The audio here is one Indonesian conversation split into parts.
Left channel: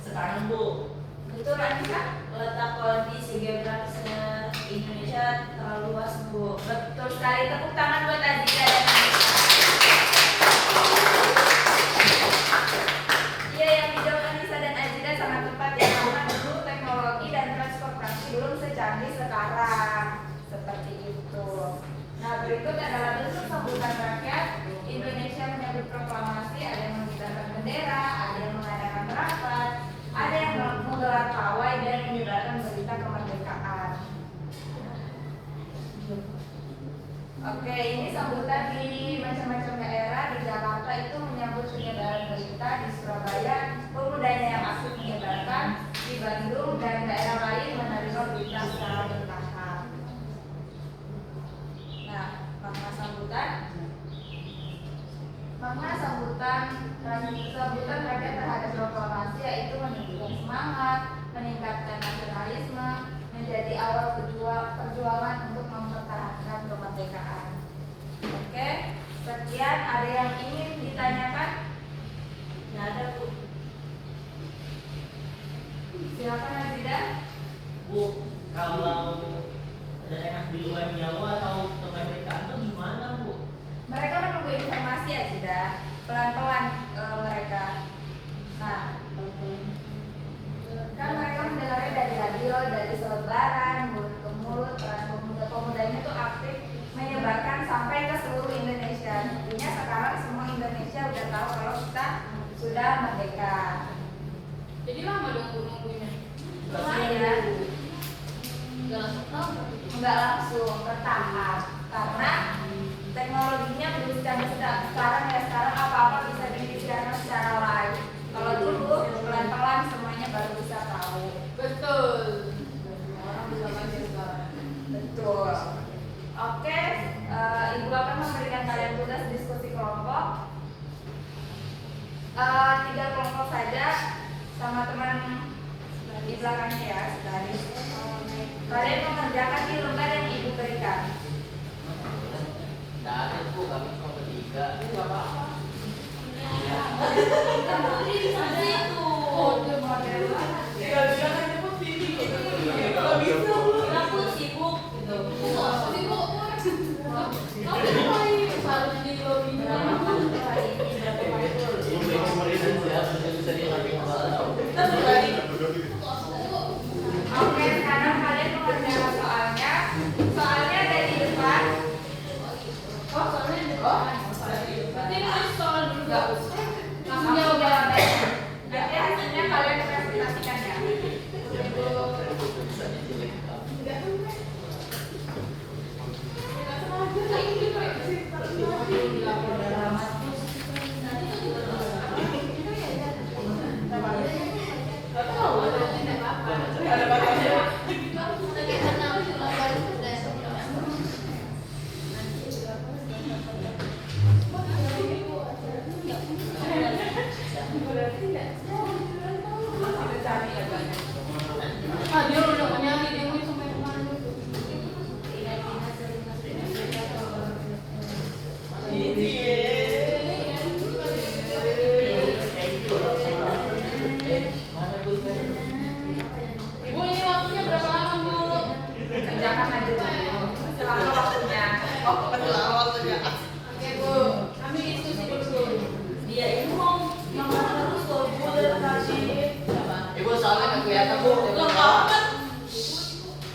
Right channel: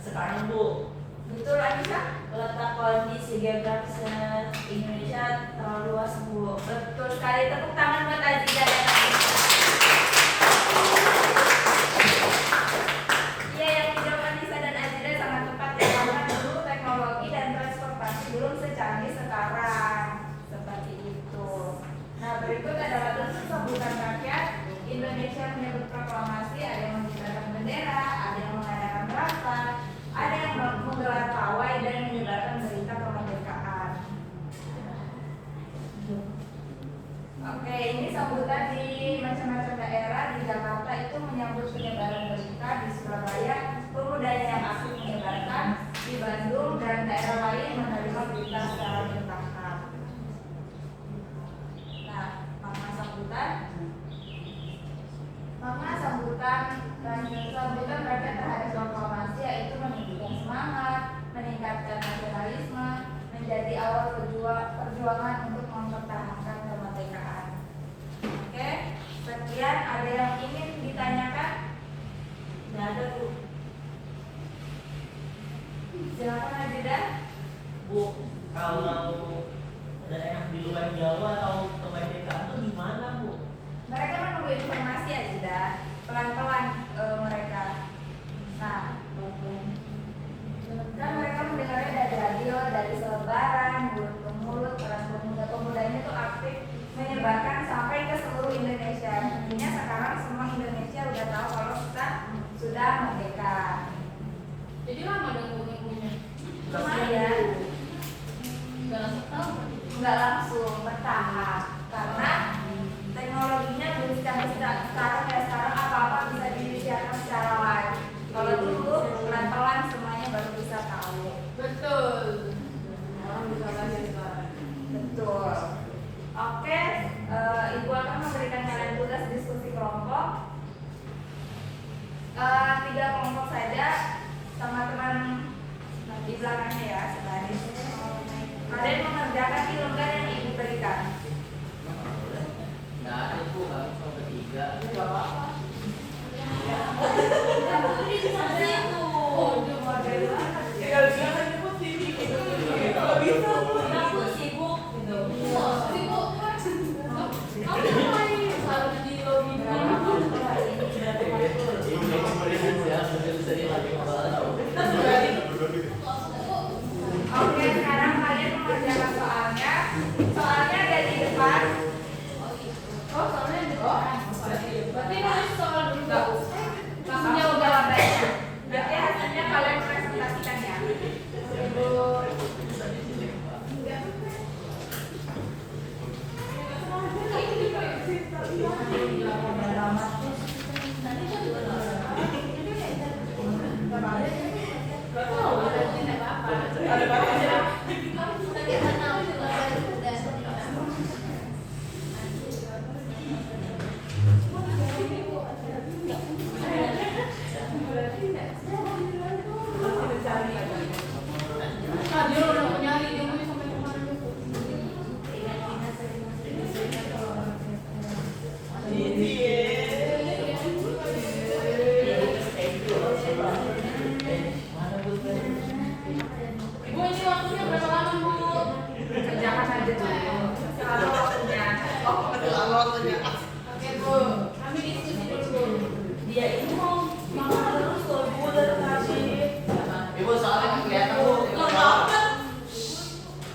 sekarang Bu. Betul Anissa? Letak kondisi geografis Indonesia terlalu luas Bu. Betul sekali, tepuk tangan buat Azida dan Anissa. Iya, yang dijawab Anissa dan Azida sangat tepat ya, karena dulu teknologi dan transportasi belum secanggih sekarang. Seperti itu. Nah, berikut adalah bentuk sambutan rakyat Indonesia menyambut proklamasi. Ada yang mengibarkan bendera, ada yang mengadakan rapat, ada yang menggelar pawai dan menyebarkan berita kemerdekaan. Oke, ini sambutan di macam-macam daerah. Di Jakarta itu menyambut penyebaran berita, di Surabaya pemudanya yang aktif menyebarkan, di Bandung dan daerah lain menerima berita secara bertahap. Nah, makna sambutan rakyat terhadap proklamasi yaitu menunjukkan semangat, meningkatkan nasionalisme, menjadi awal perjuangan untuk mempertahankan kemerdekaan. Oke, sekian. Ada yang ingin ditanyakan? Nggak ada Bu. Silakan Azida. Bu, kalau daerah di luar Jawa atau kemerdekaan itu gimana Bu? Mereka menunggu informasi Azida, pelan-pelan mereka. Nah, kan mereka mendengarnya dari radio, dari selebaran, mulut ke mulut. Pemuda-pemuda ini tuh aktif menyebarkan sampai ke seluruh Indonesia. Intinya sekarang semua Indonesia udah tahu kalau kita sudah merdeka. Jadi lama dong nunggunya? Lumayan. Nggak langsung bertahap karena teknologinya belum sekarang ya. Sekarang apa-apa bisa disiarkan secara live. Kalau dulu pelan-pelan semuanya baru bisa tahu. Betul. Orang bisa baca sekarang. Betul. Oke, Ibu akan memberikan kalian tugas diskusi kelompok. 3 kelompok saja sama teman di belakangnya ya, sebaris. Kalian mengerjakan di lembar yang Ibu berikan. Nggak ada Bu, kami cuma bertiga. Oke, sekarang kalian mengerjakan soalnya. Soalnya ada di depan. Oh, soalnya di depan. Berarti nulis soal dulu. Langsung jawab jawabannya. Nanti hasilnya kalian presentasikan ya. Ibu. Dia udah mau nyari, dia mau sampai kemana dulu. Ibu, ini waktunya berapa lama Bu? Kerjakan aja dulu. Selama waktunya. Oke Bu, kami diskusi dulu Bu. Dia ini mau makan terus loh Bu dari tadi. Ibu soalnya nggak kelihatan Bu.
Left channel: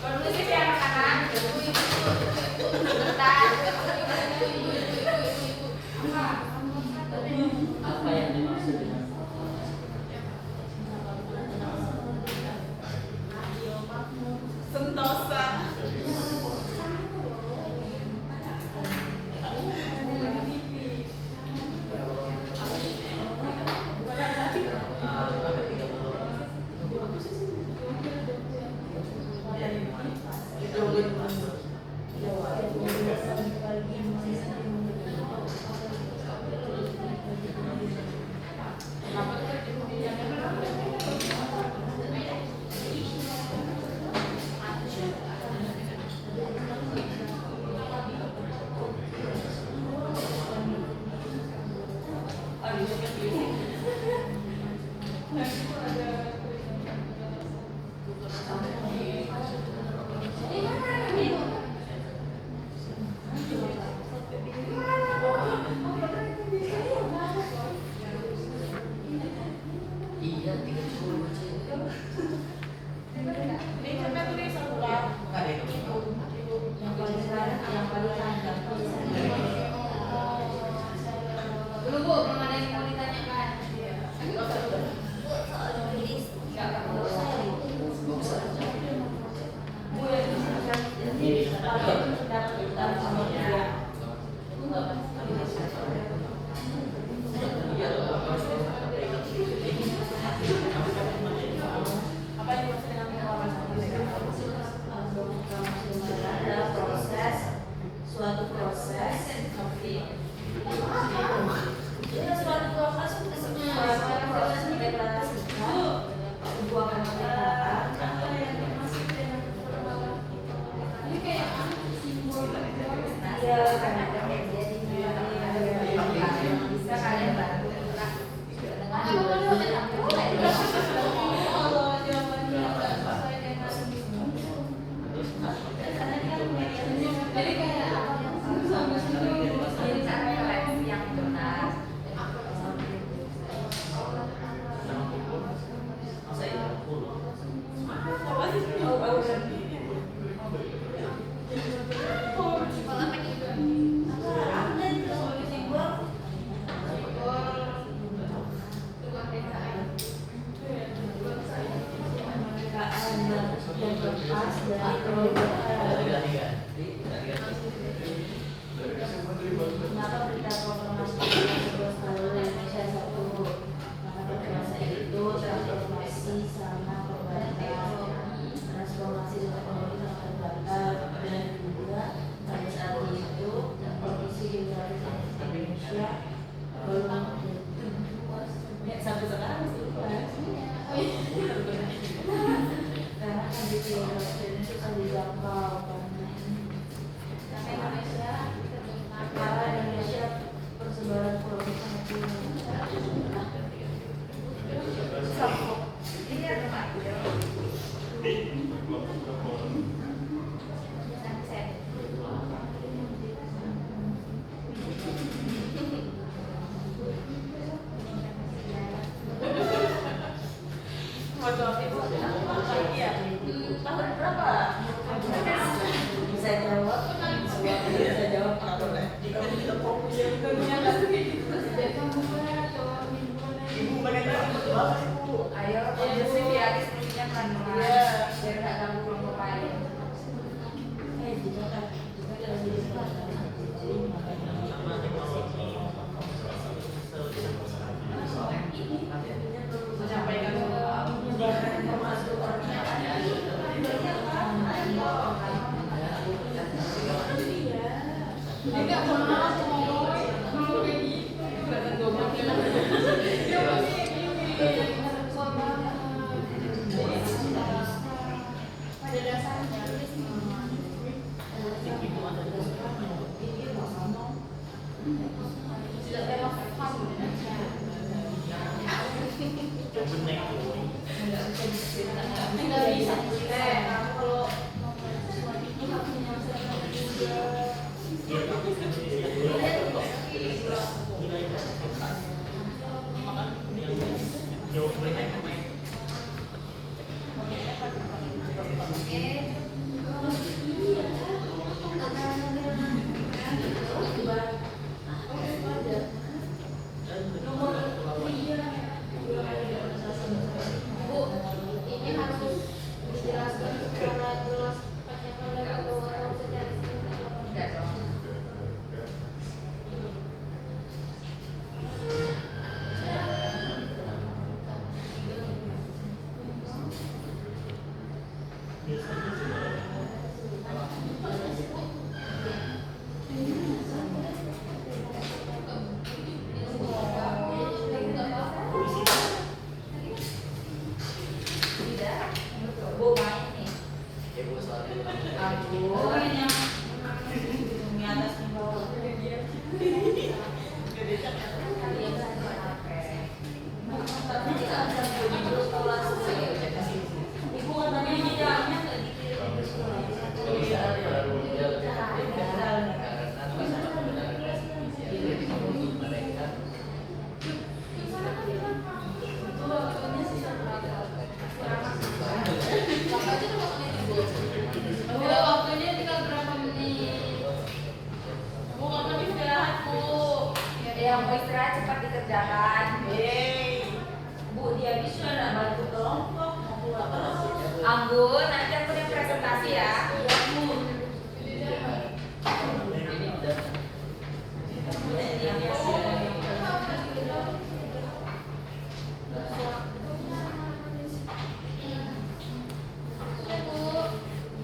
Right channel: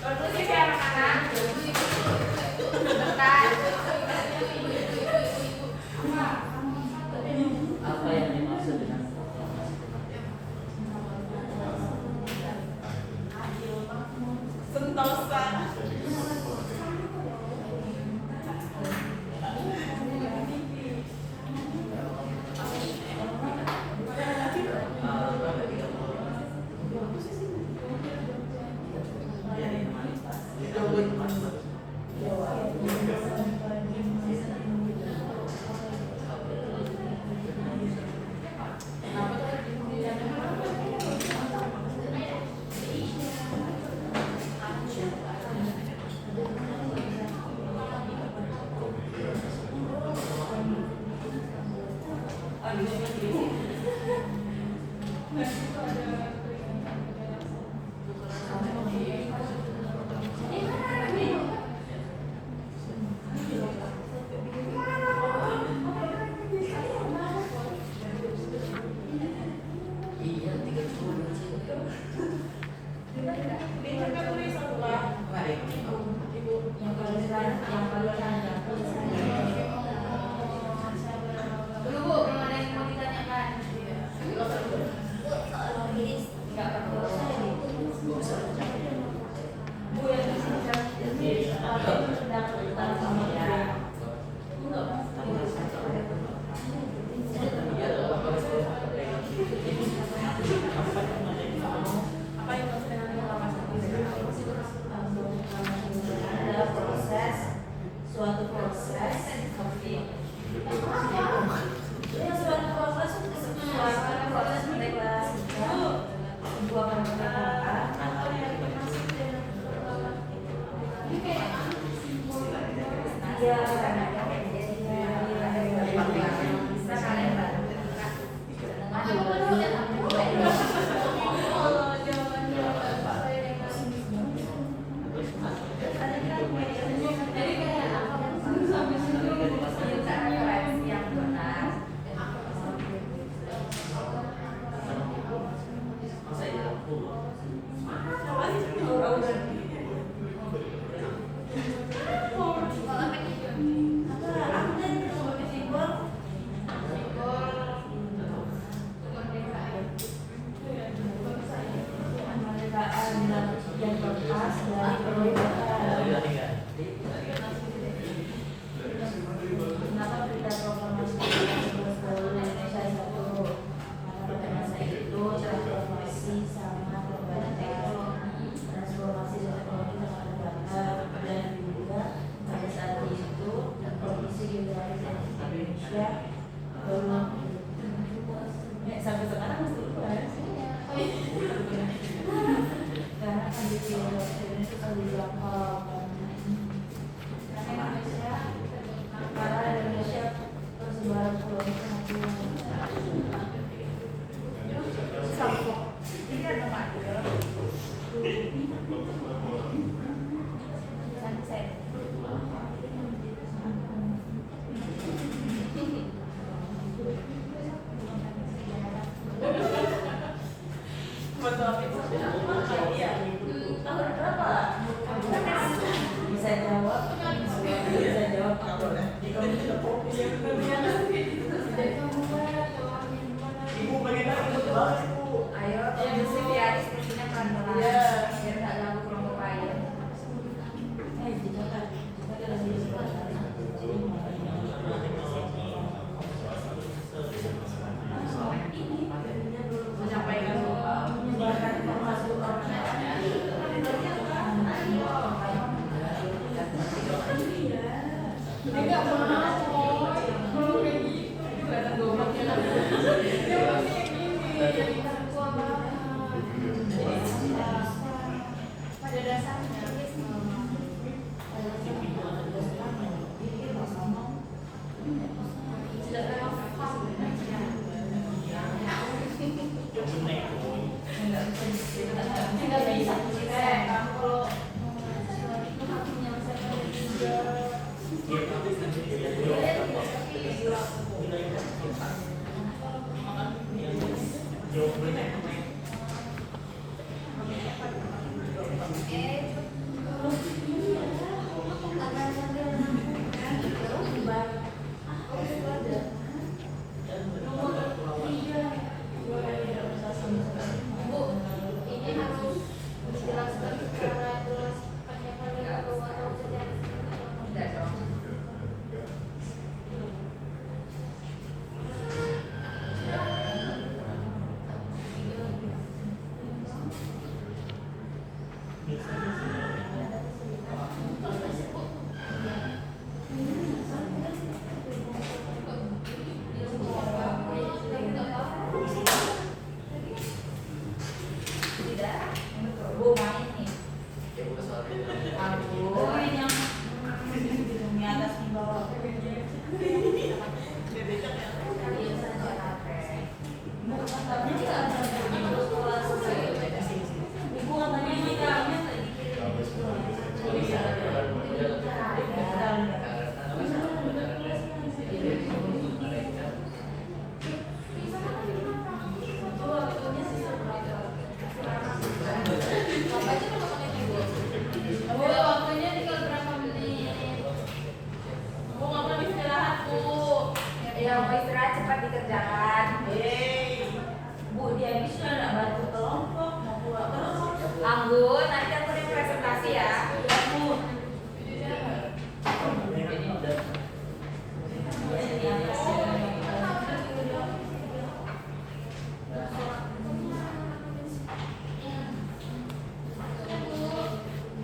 Kondusif ya anak-anak. Bentar. Apa yang dimaksud dengan Sentosa. karena ada kejadian bisa kalian bantu sampai sekarang masih luas. Karena kondisi Indonesia suka dijangkau karena Indonesia persebaran corona sangat tahun berapa? Bisa jawab? Bisa jawab kamu dah. Ibu bagaimana ibu banget ibu? Ayo, kondisi biar istrinya pelan-pelan. Biar nggak ganggu kelompok lain. Menyampaikan masuk orang enggak mau kayak gitu kelihatan goblok ya pada dasarnya nggak bisa kalau Anggun, nanti aku yang presentasi ya.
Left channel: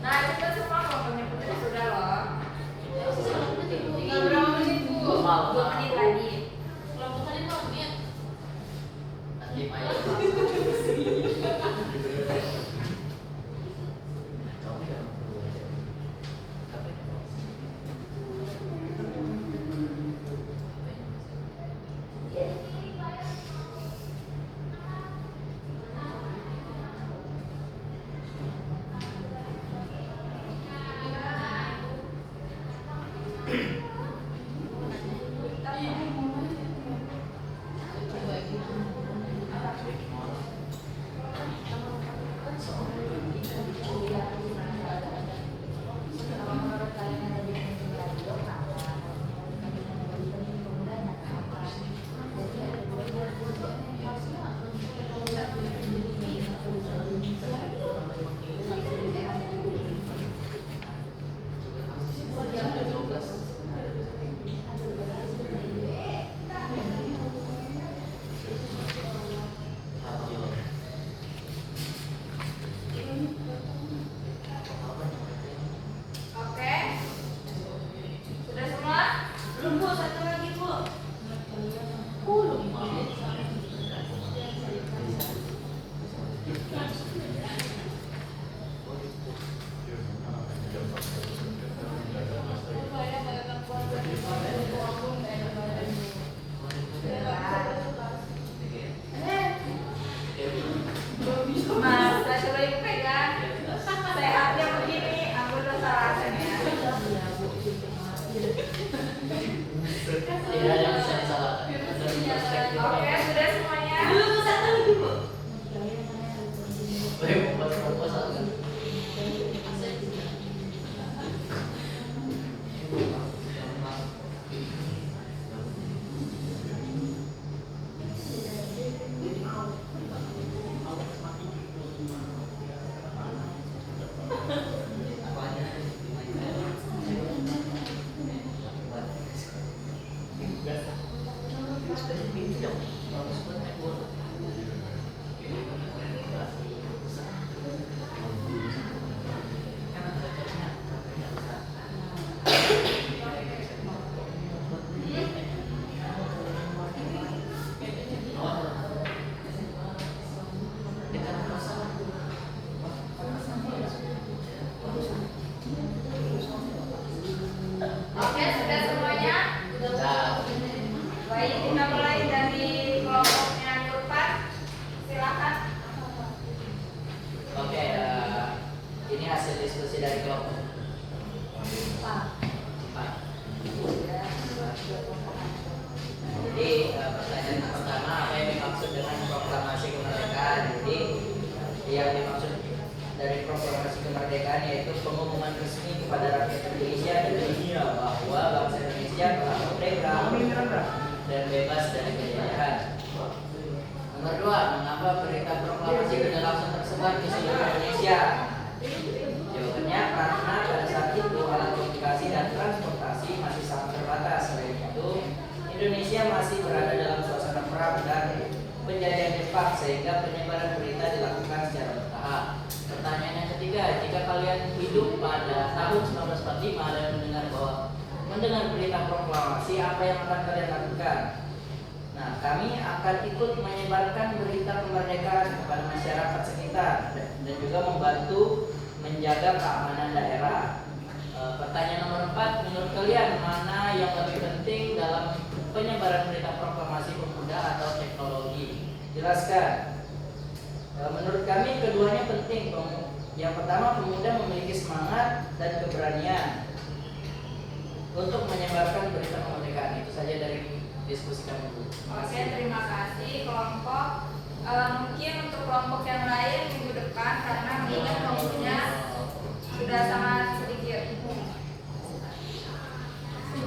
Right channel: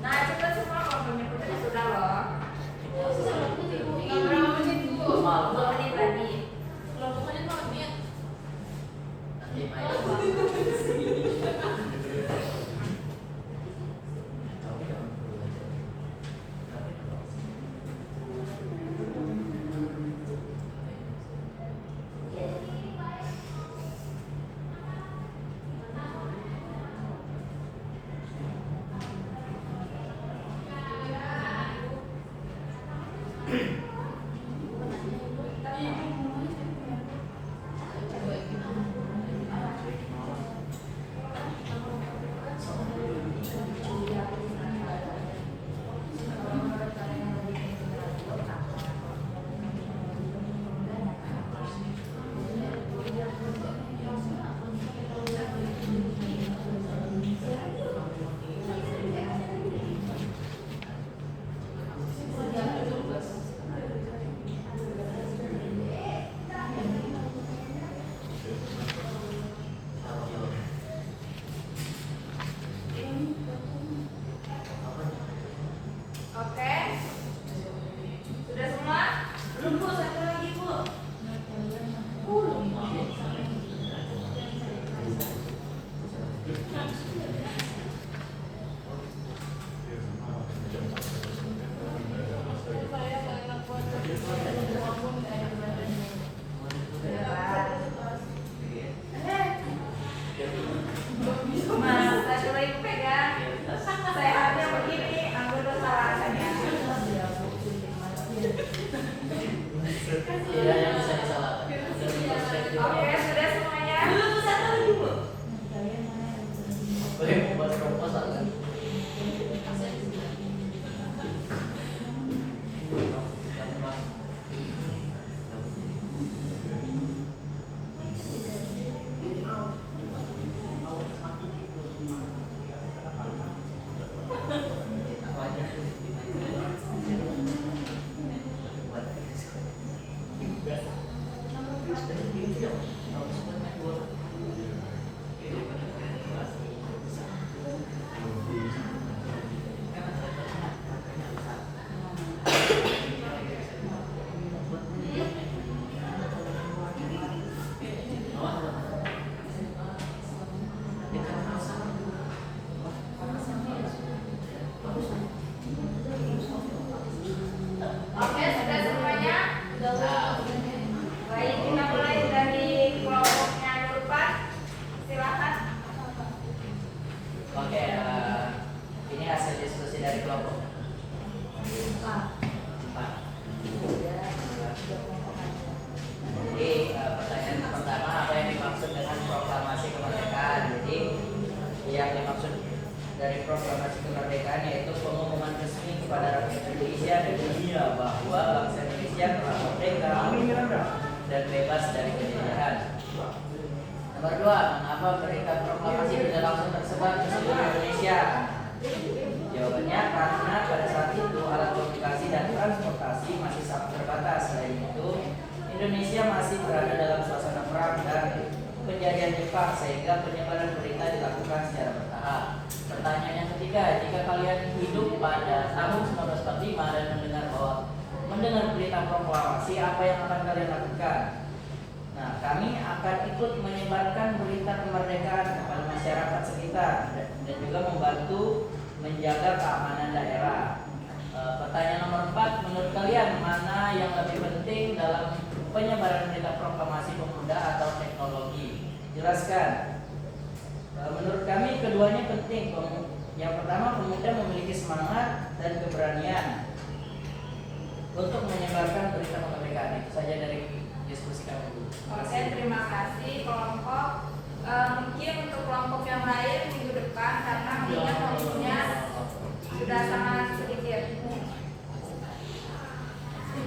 Nah, cepet semua kalau penjemputnya sudah loh. Tinggal berapa menit, Bu? 2 menit lagi. Kelompokannya 2 menit. Oke, sudah semuanya? Baik, kita mulai dari kelompoknya Nurpat. Silakan. Oke, ini hasil diskusi dari kelompok 4. Jadi pertanyaan pertama, apa yang dimaksud dengan proklamasi kemerdekaan? Jadi yang dimaksud dari proklamasi kemerdekaan yaitu pengumuman resmi kepada rakyat Indonesia dan dunia bahwa bangsa Indonesia telah merdeka dan bebas dari penjajahan. Nomor 2, mengapa berita proklamasi tidak langsung tersebar ke seluruh Indonesia? Jawabannya karena pada saat itu alat komunikasi dan transportasi masih sangat terbatas. Selain itu, Indonesia masih berada dalam suasana perang dan penjajahan Jepang sehingga penyebaran berita dilakukan secara bertahap. Pertanyaan yang ketiga, jika kalian hidup pada tahun 1945 dan mendengar berita proklamasi, apa yang akan kalian lakukan? Nah, kami akan ikut menyebarkan berita kemerdekaan kepada masyarakat sekitar dan juga membantu menjaga keamanan daerah. Pertanyaan nomor 4, menurut kalian mana yang lebih penting dalam penyebaran berita proklamasi pemuda atau teknologi? Jelaskan. Menurut kami keduanya penting. Yang pertama, pemuda memiliki semangat dan keberanian untuk menyebarkan berita kemerdekaan. Itu saja dari diskusi kami dulu. Oke, terima kasih kelompok. Mungkin untuk kelompok yang lain minggu depan karena mengingat waktunya sudah sangat sedikit.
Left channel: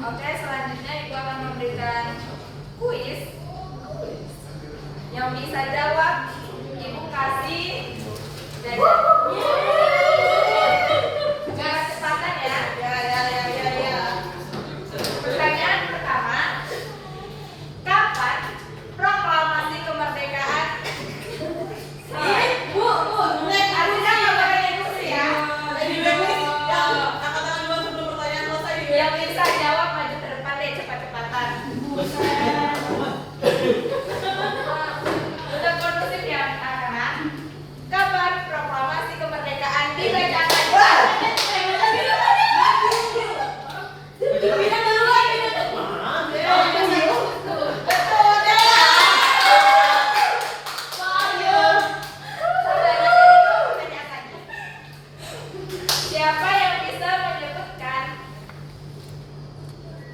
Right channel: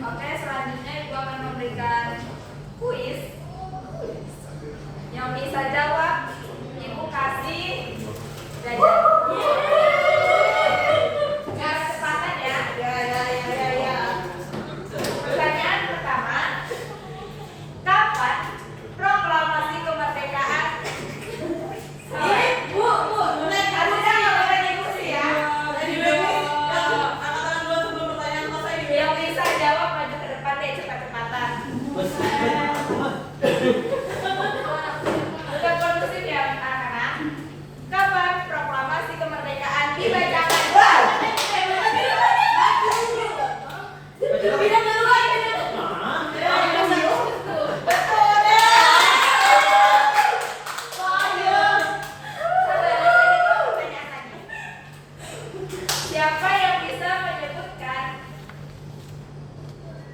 Oke, selanjutnya Ibu akan memberikan kuis. Yang bisa jawab Ibu kasih jajan. Jangan kecepatan ya. Pertanyaan pertama, kapan proklamasi kemerdekaan? Bu, Aziza nggak boleh diskusi ya. Yang bisa jawab maju ke depan deh, cepat-cepatan. Udah kondusif ya anak-anak. Kapan proklamasi kemerdekaan dibacakan? Siapa yang bisa menyebutkan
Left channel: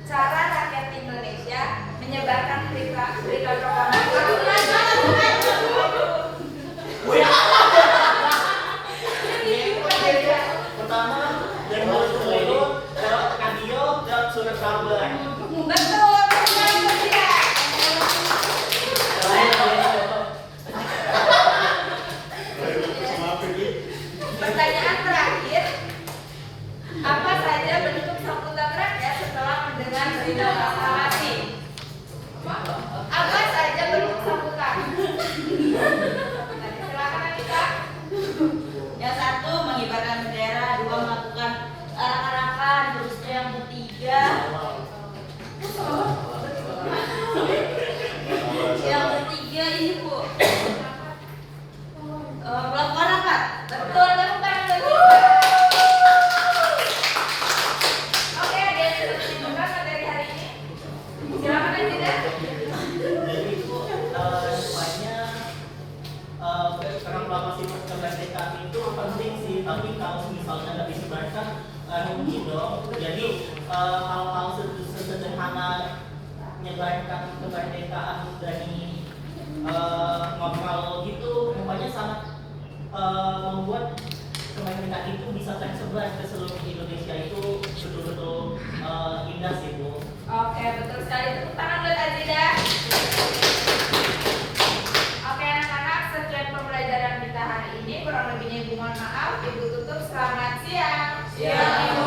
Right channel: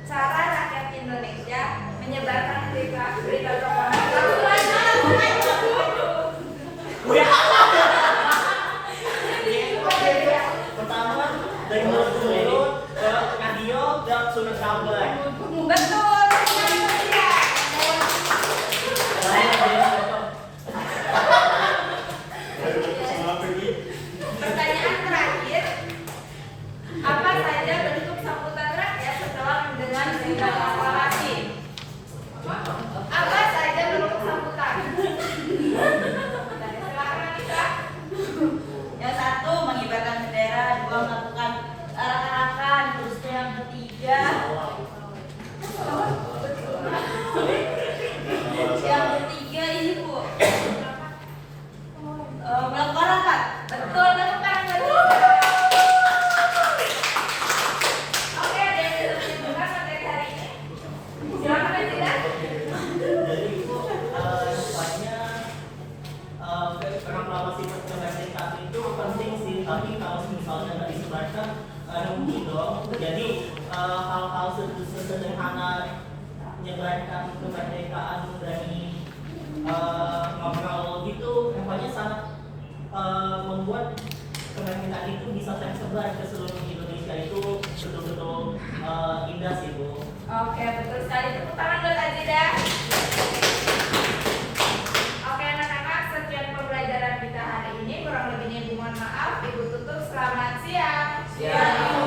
cara rakyat Indonesia menyebarkan berita proklamasi? Pertama dari mulut ke mulut ke radio ke surat kabar. Betul, ya. Pertanyaan terakhir, apa saja bentuk sambutan rakyat setelah mendengar berita proklamasi? Apa saja bentuk sambutan? Silakan Anita. Yang satu mengibarkan bendera, dua melakukan arak-arakan, terus yang ketiga ini Bu melakukan rapat. Betul, lakukan betul. Oke, ada yang bisa menyimpulkan materi hari ini? Silakan Anita. Jadi Bu, depannya proklamasi kemerdekaan itu penting sih, tapi kalau misalnya nggak disebarkan rugi dong. Jadi hal-hal sederhana menyebarkan kemerdekaan dari ngobrol gitu, pokoknya sangat membuat kemerdekaan itu bisa tersebar ke seluruh Indonesia. Itu betul-betul indah sih Bu. Oke, betul sekali. Tepuk tangan buat Aziza. Oke anak-anak, sekian pembelajaran kita hari ini. Kurang lebihnya Ibu mohon maaf. Ibu tutup. Selamat siang. Siang.